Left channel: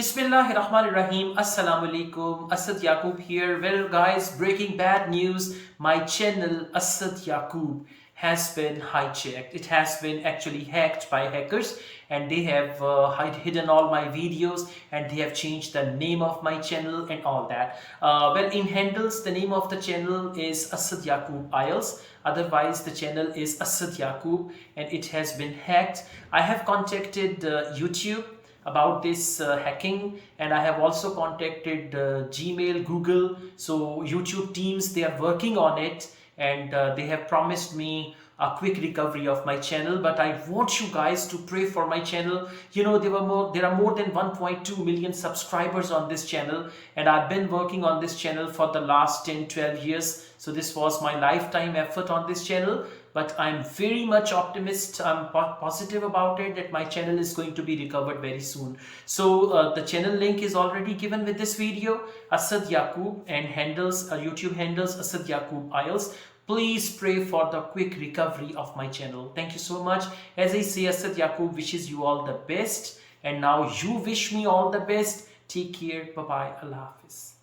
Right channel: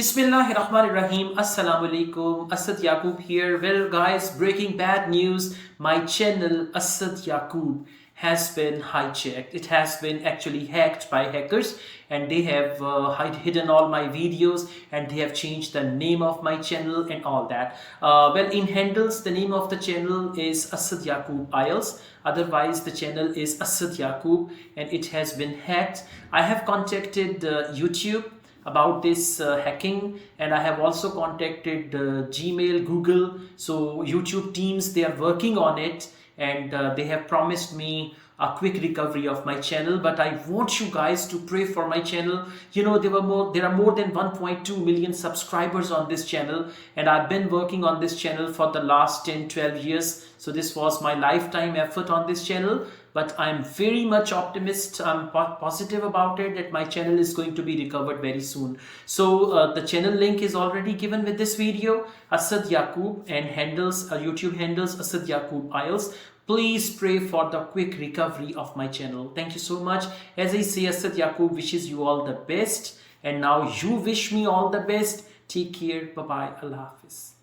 Bismillahirrahmanirrahim. Assalamu alaikum. Asad Yaqub here. Well, guys, breaking bad news. My channel Asad Yaqub has been hijacked. It has been actually hacked by hackers, and they have hidden all my videos, and they have changed the name of my channel and all that. Well, in handles, the name of the channel is Asad Yaqub Ielts. Otherwise, the channel is Asad Yaqub, and it has been hacked. I have contacted YouTube about this hacking, and I have also contacted Gmail, Google. So YouTube teams, they are working on it, and they have promised me a quick recovery of my channel. But I want you guys to pray for my channel. You know, there are more than 1.2 million subscribers on this channel, and I've been working on this channel for the last 10-12 years. So this was my lifetime effort on this channel. But I'm very much optimistic. I'm positive about it that my channel is going to be recovered very soon. So the channel link is already given with this video, Asad Yaqub, and handles YouTube handles Asad Yaqub Ielts. Please pray for the quick recovery of my channel. Thank you so much. As I say, Asad Yaqub wishes you all the best, and now you wish me all the best. Take care. Bye bye. Allah Hafiz.